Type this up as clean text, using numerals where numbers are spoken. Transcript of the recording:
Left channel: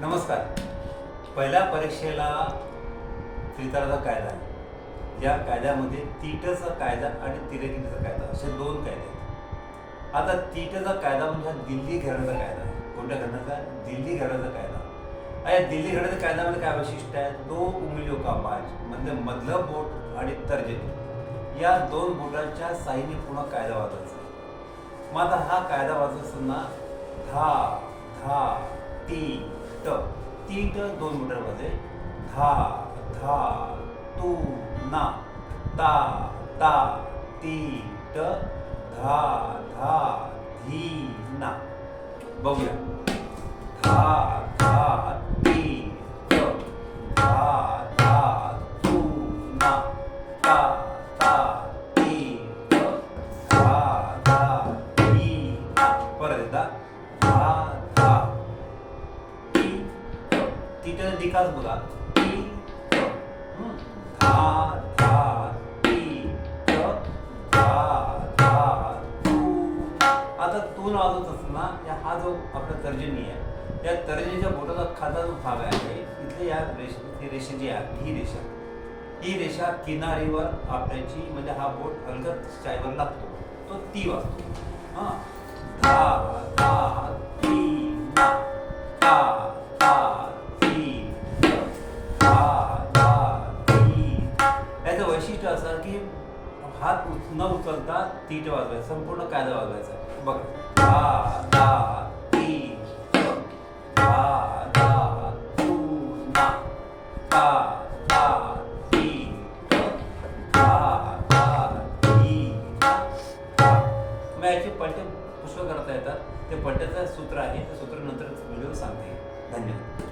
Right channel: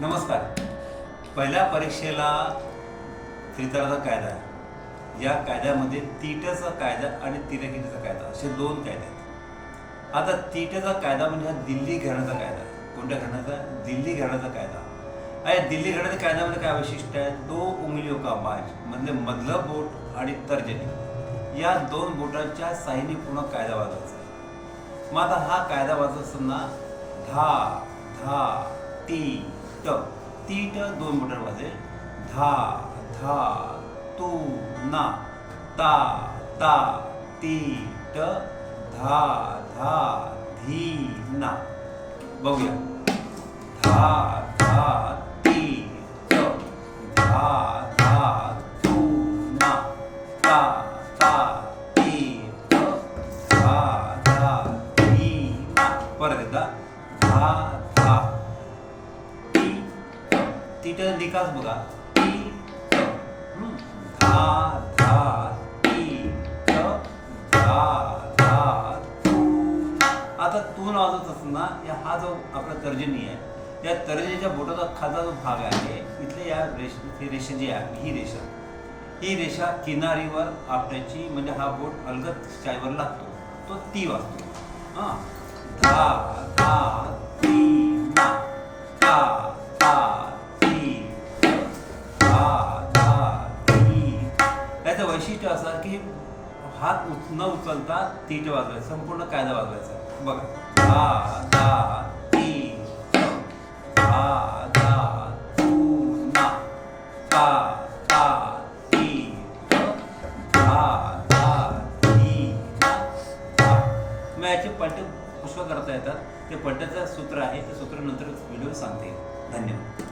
नमस्कार. पहिल्या परीक्षेला त्रितराचा कायदा आहे. या कायद्यामध्ये तीटचा कायदा आणि तिरकीचा कायदा असे दोन कायदे आहेत. आता तीटचा कायदा म्हणजे दिल्ली घराण्याचा कायदा आहे. कोणत्या घराण्याचा? दिल्ली घराण्याचा कायदा. आणि दिल्ली घराण्याच्या कायद्यामध्ये काय वैशिष्ट्य आहे? दो उंगलियों का माज म्हणजे मधलं बोट आणि तर्जनी या दोन बोटांच्या साह्याने पूर्ण कायदा वाचायचा. मग आता हा कायदा वाचत असताना धा धा ती ट तीट दोन बोटांवर वाजले. धा धा तू ना ता ता ती ट धा धा धी ना. बघूया. धा धा ती ट धा धा तू ना ता ता ती ट धा धा धी ना. परत एकदा. धा धा तीट निकास बघा. ती ट धा धा ती ट धा धा तू. आता तू वाजवत असताना हा जो आपला तर्जनी आहे त्या तर्जनीच्या बोटाचा खालचा जो भाग आहे इथले या रेषा जी आहे ही रेषा किनारीवर आपल्याची म्हणजे हा बोट अलगद शाईवर लागतो तो ती वाजतो. हा. धा धा ती ना ता ता ती धा धा ती. याचं वैशिष्ट्य असं की हात न उचलता तीट वाजवायचा, संपूर्ण कायदा वाजवायचा. बघा. धा धा ती धा धा तू ना ता ता ती धा धा धी ना. मग याचे पट्टे पुष्कळ करता येतात. ते पट्ट्याचं सूत्र आहे, ते सूत्र नंतर व्हिडिओ सांगते. धन्यवाद.